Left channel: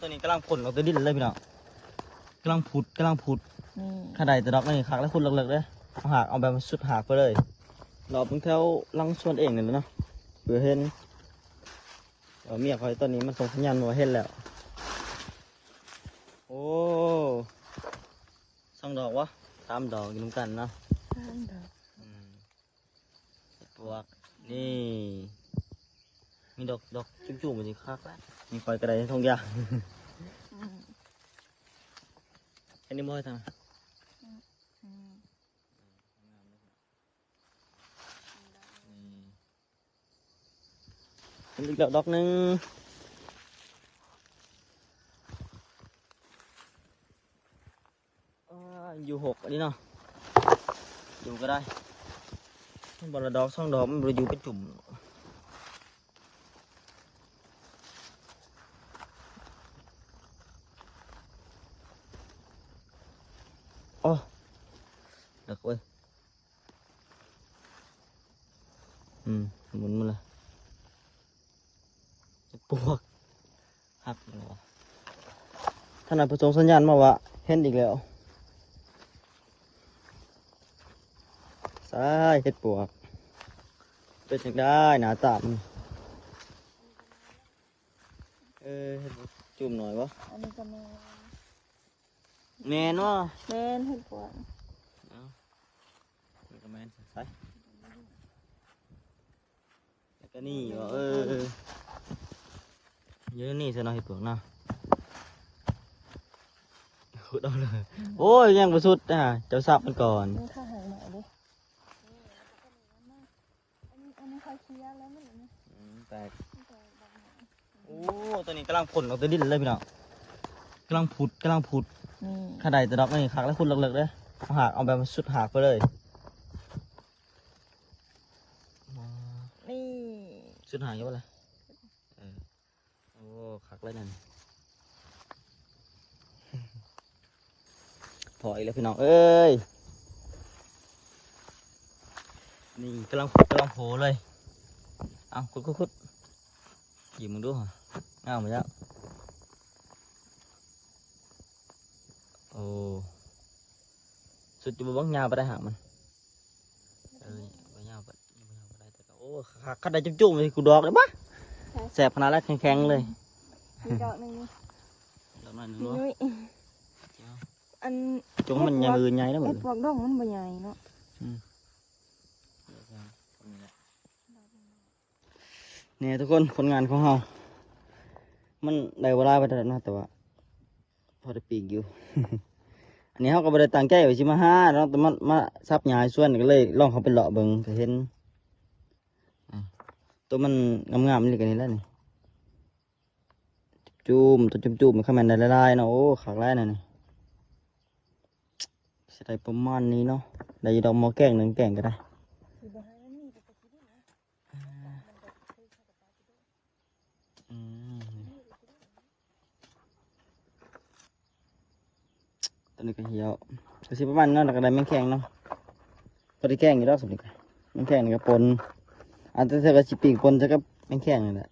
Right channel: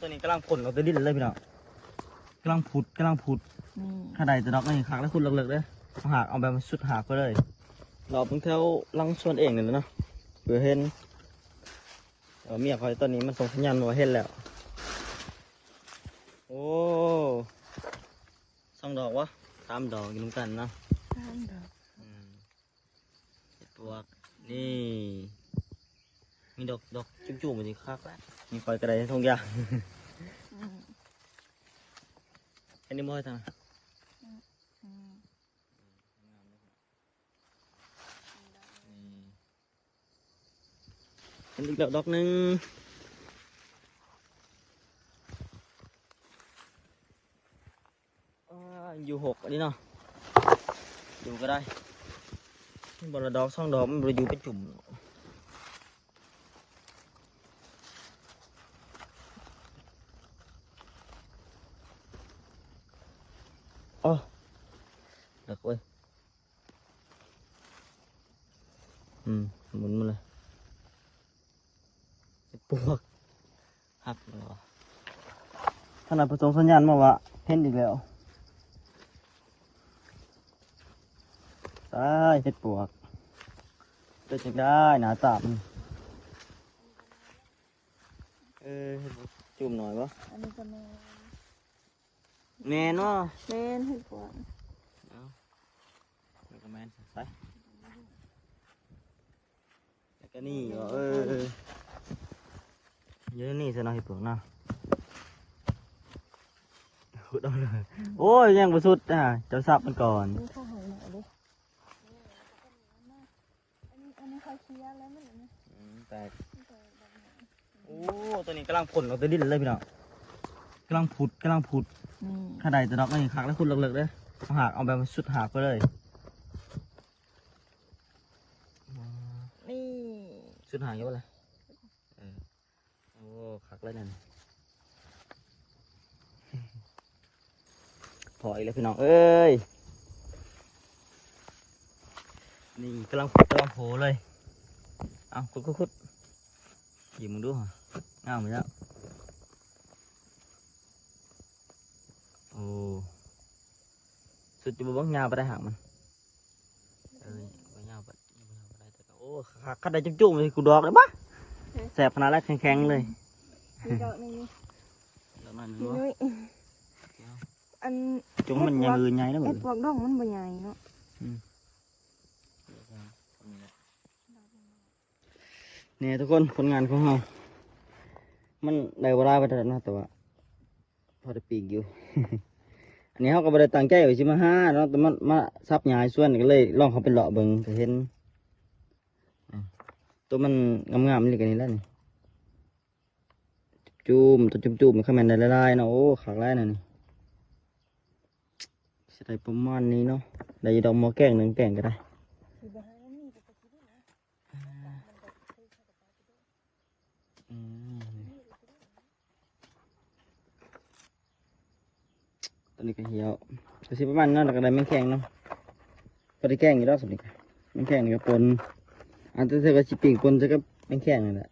ตัวนี้กำลังผลเราตัวดิ้นเลยพี่น้องกำลังผุดข้าใดจะดอกนี่หักแล้วคุณเลิกๆเลยหักเอาแบบสุดหักไปเลยเราเป็นแถวลังส่วนเองเลยนะเดี๋ยวเห็นเมียเขาตอนนี้มันส่งสัญญาณมาเห็นแล้วโอ้2 ดอกวะ3 ดอกอยู่ตรงกันนะปลวกนี่มีดอกจุ่มๆมันจะคักแล้วมีไฟกระไดทองยางอันนี้มอทางอีกดอกนึงอยู่6อันนี้เนาะอยู่ก็ได้บอลดอก2 ดอกมันอยู่เป็นจุ่มอ๋อเด็กเว้ยหมุนมาเลยปวกหักเลยวะท่านนายผู้ชมสัญญาณมาว่าเห็นอีกแล้วใช่เห็ดปวกเป็นสิ่งได้หนาตามจุ่มหน่อยวะอันนี้ก็แมนวะแมนเห็ดปวกแมนไปแล้วก็นี่เยอะนี่ใช่ไหมเห็ดปวกนะขุดเอาเลยโอ้ยยังบ่สุดเจ้าสับมันก่อนนี่ข้าหายหน่อยดิอันนี้ใครเชียร์แล้วไม่เห็นนะแต่โอ้ตัวนี้กำลังผลเราตัวดิ้นเลยพี่น้องกำลังผุดข้าใดจะดอกนี่หักแล้วคุณเลิกๆเลยหักเอาแบบสุดหักไปเลยนี่สุดหายเยอะเลยโอ้หักแล้วนั่นถอยแล้วพี่น้องเอ้ยนี่กำลังโผล่เลยเอาคุดหยิบมึงดูเอามาแล้วโอ้สุดจะบ้องยาไปได้หามันโอ้หักขัดได้จุ่มๆเลยกูดอกเลยปะแสบขนาดแรกแข็งๆเลยดอกนึงดอกนั้นรู้อันจงมันใหญ่มือใหญ่นะเหมือนพวกดอกมันใหญ่เนาะเนี่ยทุกคนผลงานของเรามันได้เวลาไปแล้วนะแต่ว่าพอได้ปีกอยู่ อันนี้เขาก็ไม่ได้ตั้งใจไว้ชิมาห้าเนาะแต่มันมาซับยายส่วนก็เลยลองเขาไปเลาะเบิ่งจะเห็นตัวมันงามๆนี่กันนี่แหละนี่จุ่มมันเข้ามาในลายๆเนาะโอ้ขากลายนี่สิได้ประมาณนี้เนาะได้ดอกมอแกง1 แกงก็ได้ตัวนี้ก็เหี่ยวก็สิประมาณนั้นแล้วก็ได้แมงแข็งเนาะก็ได้แกงอยู่แล้วสุดนี่แมงแข็งนี่ก็ปนอาจจะใช้กระชิปีกปนใช้กับแมงแข็งนี่แหละ